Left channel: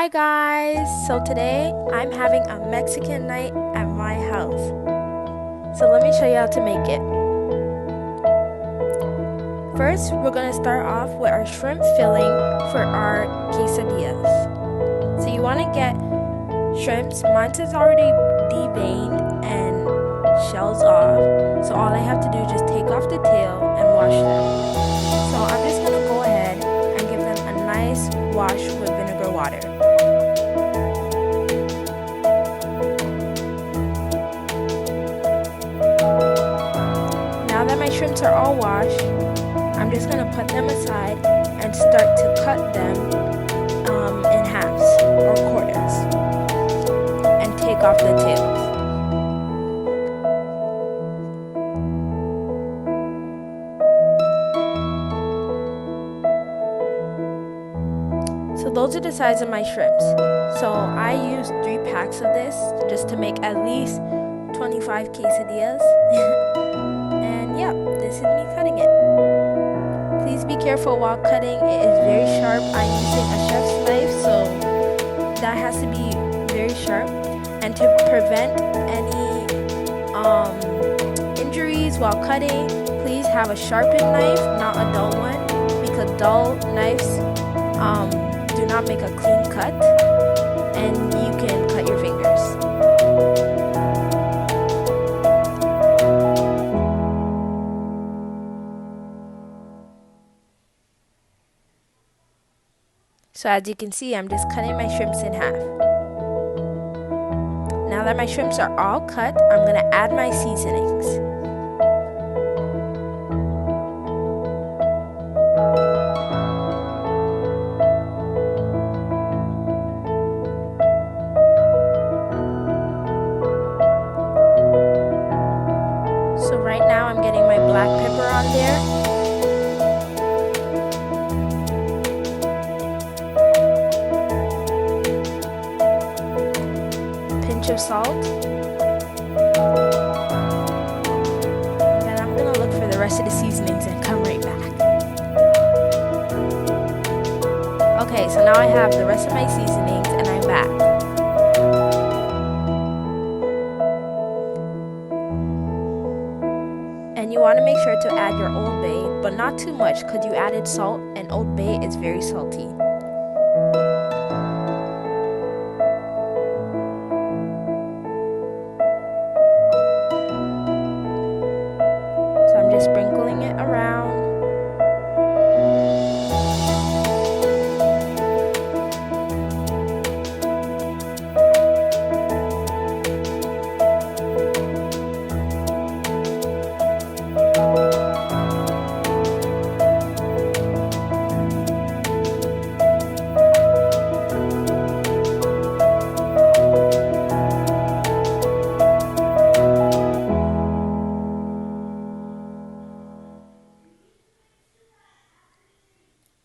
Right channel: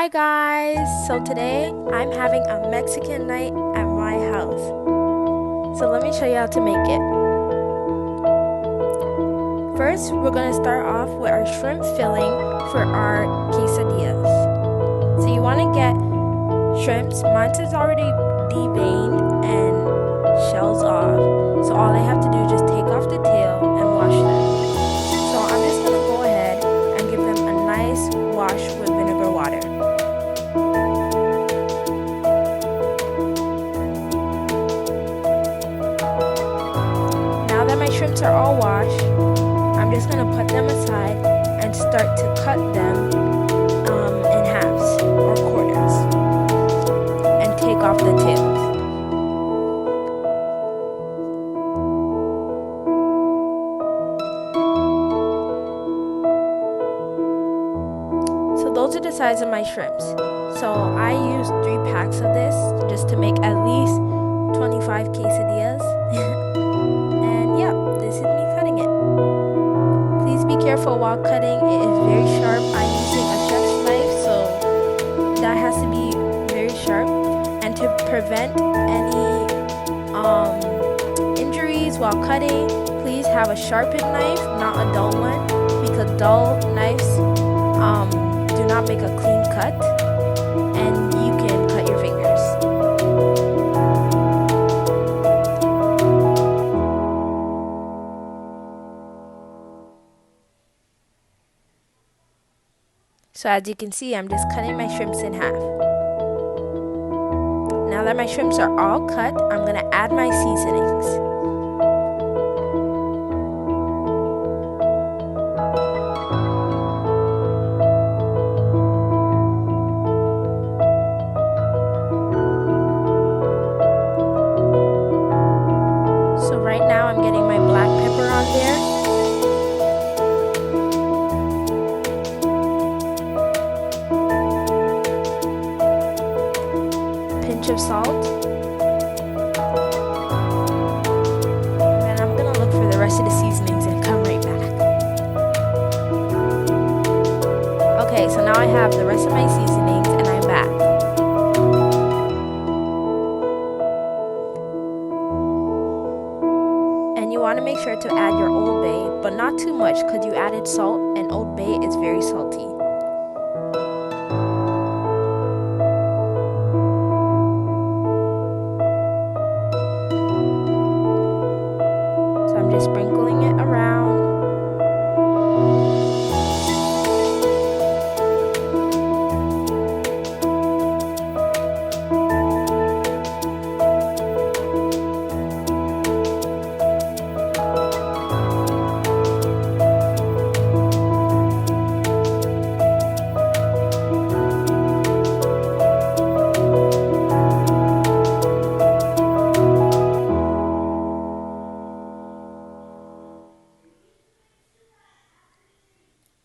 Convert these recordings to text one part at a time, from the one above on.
Hi guys! So today I'm having a Mexican night at my house. So let me show you how to make it. First, we're gonna start off with our shrimp filling for our quesadillas. So you wanna get shrimps. Mine is already deveined and shells off. So all I have to do is just take off the tail and wash them. So I'm just gonna go ahead and give them a nice wash with vinegar water. Now that my shrimps are all washed, I'm just gonna put them aside and start to cut them in halves or quarters and take off the tails. So those are the size of my shrimps. So I used 3 packs of this just to make at least 25 quesadillas. And yeah, this is me cutting it. Please be careful while cutting. It is very sharp. I'm using a chef's knife, so that has to be very sharp. And to prevent any injuries while cutting, please have a sharpened knife, not a dull one, because dull knives do not make a clean cut and you can cut your fingers. So as you can see, I'm just cutting my shrimps in half. Now that my shrimps are all cut, I'm gonna add my seasonings. So right now I'm getting my black pepper on there. Pinch of salt. And then I'm gonna look for the rest of the seasonings and come right back. Okay, so now I have the rest of my seasonings and I'm back. And you want to make sure to add your Old Bay, but not too much because you added salt and Old Bay is very salty. So I'm just sprinkling it around.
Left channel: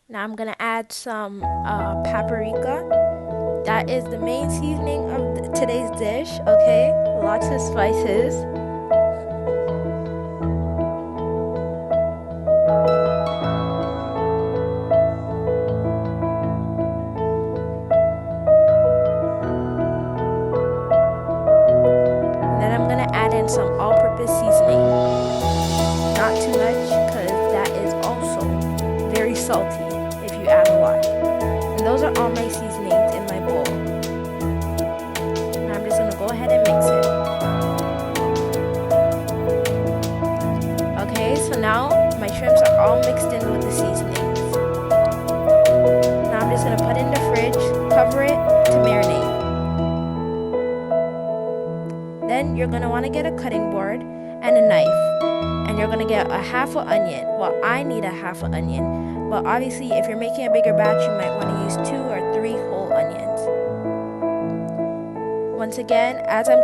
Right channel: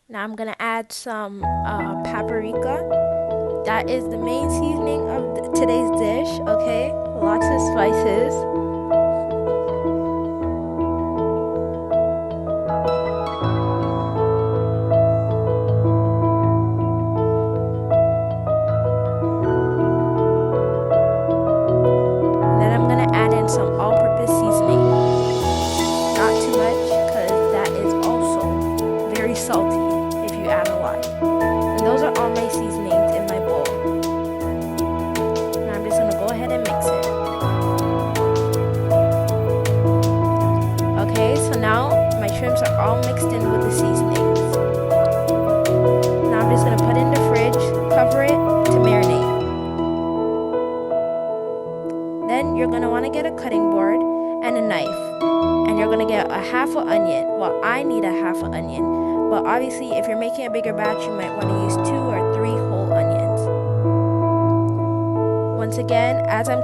Now I'm gonna add some paprika. That is the main seasoning of today's dish, okay? Lots of spices. And then I'm gonna add in some all-purpose seasoning. Not too much, because that is also very salty if you add a lot. And those are all my seasonings in my bowl. Now I'm just gonna go ahead and mix it. Okay, so now my shrimps are all mixed in with the seasonings. Now I'm just gonna put it in the fridge, cover it to marinate. Then you're gonna wanna get a cutting board and a knife. And you're gonna get a half an onion. Well, I need a half an onion. But obviously, if you're making a bigger batch, you might want to use 2 or 3 whole onions. Once again, as I'm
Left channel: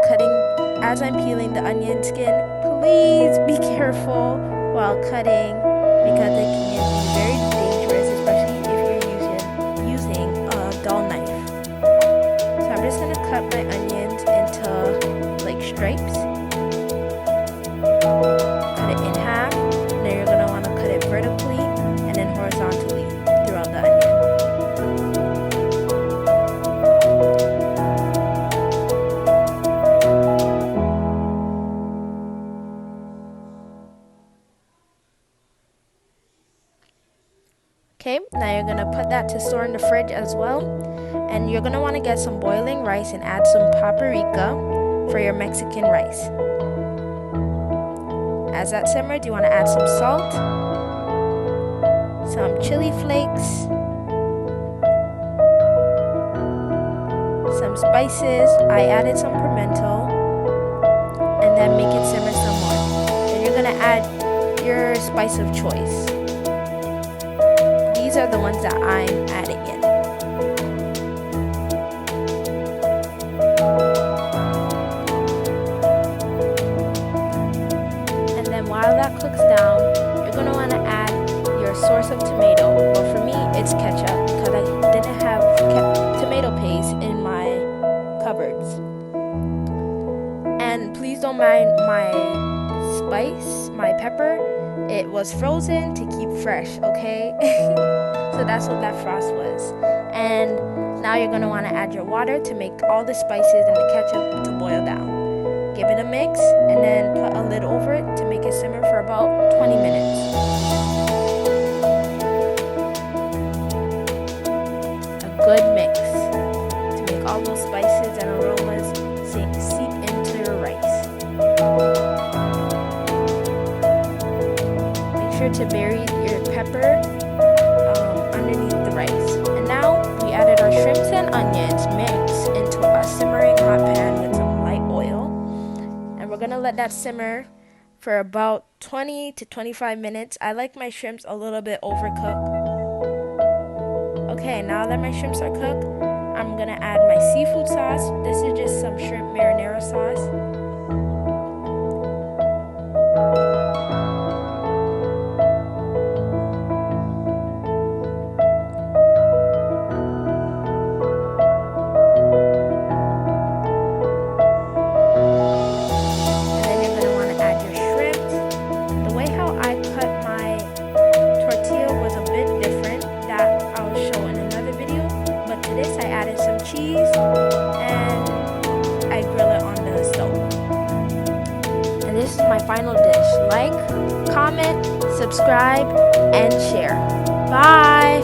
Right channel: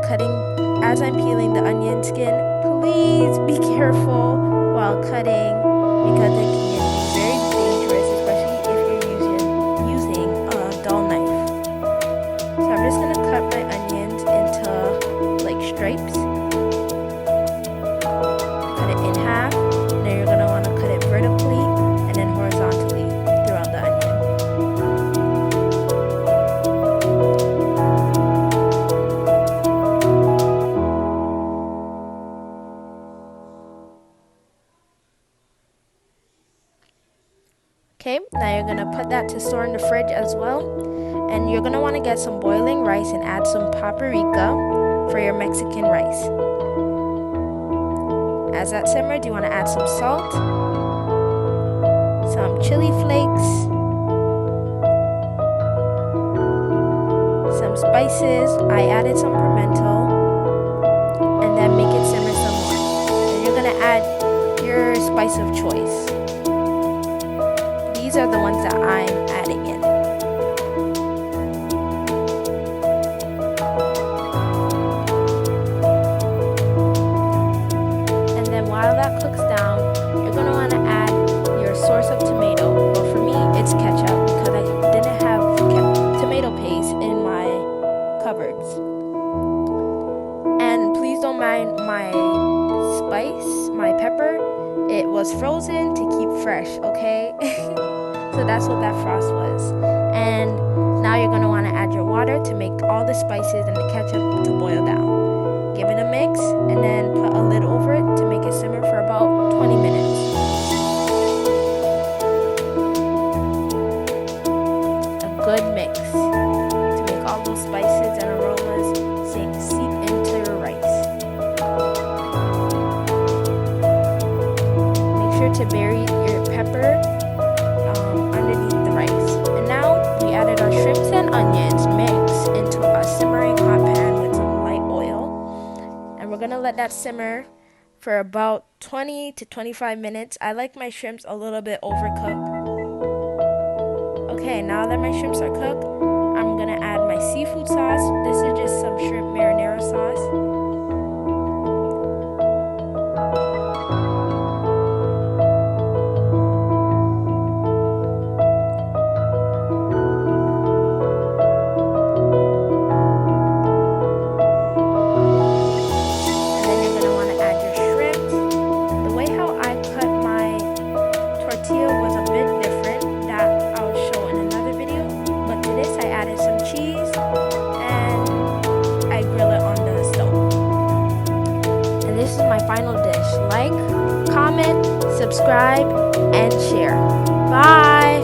peeling the onion skin, please be careful while cutting because it can be very dangerous, especially if you're using a dull knife. So I'm just gonna cut my onions into like stripes. Cut it in half. Now you're gonna want to cut it vertically and then horizontally throughout the onion. Okay, now you're gonna put that to store in the fridge as well. And you're gonna wanna get some boiling rice and add some paprika for your Mexican rice. As that simmers, you wanna add some salt, some chili flakes, some spices. I added some pimento, and then make it simmer some more. Then you're gonna add your spice of choice. These are the ones that I'm adding in. And then while that cooks down, you're gonna wanna add your source of tomato. But for me, it's ketchup because I didn't have tomato paste in my cupboards. And please don't mind my spice, my pepper. It was frozen to keep fresh, okay? So that's what that frost was. And now you're gonna wanna add your water to make all the spices and the ketchup to boil down. Give it a mix and then put a lid over it to make it simmer for about 20 minutes. A good mix to make all those spices and aromas seep into your rice. Make sure to bury your pepper underneath the rice. And now we added our shrimps and onions mixed into a simmering hot pan with some light oil. And we're gonna let that simmer for about 20 to 25 minutes. I like my shrimps a little bit overcooked. Okay, now that my shrimps are cooked, I'm gonna add my seafood sauce. This is just some shrimp marinara sauce. And then you're gonna wanna add your shrimps. The way how I cut my tortilla was a bit different that I'll show in another video, but to this I added some cheese and I grill it on the stove. And this is my final dish. Like, comment, subscribe, and share. Bye!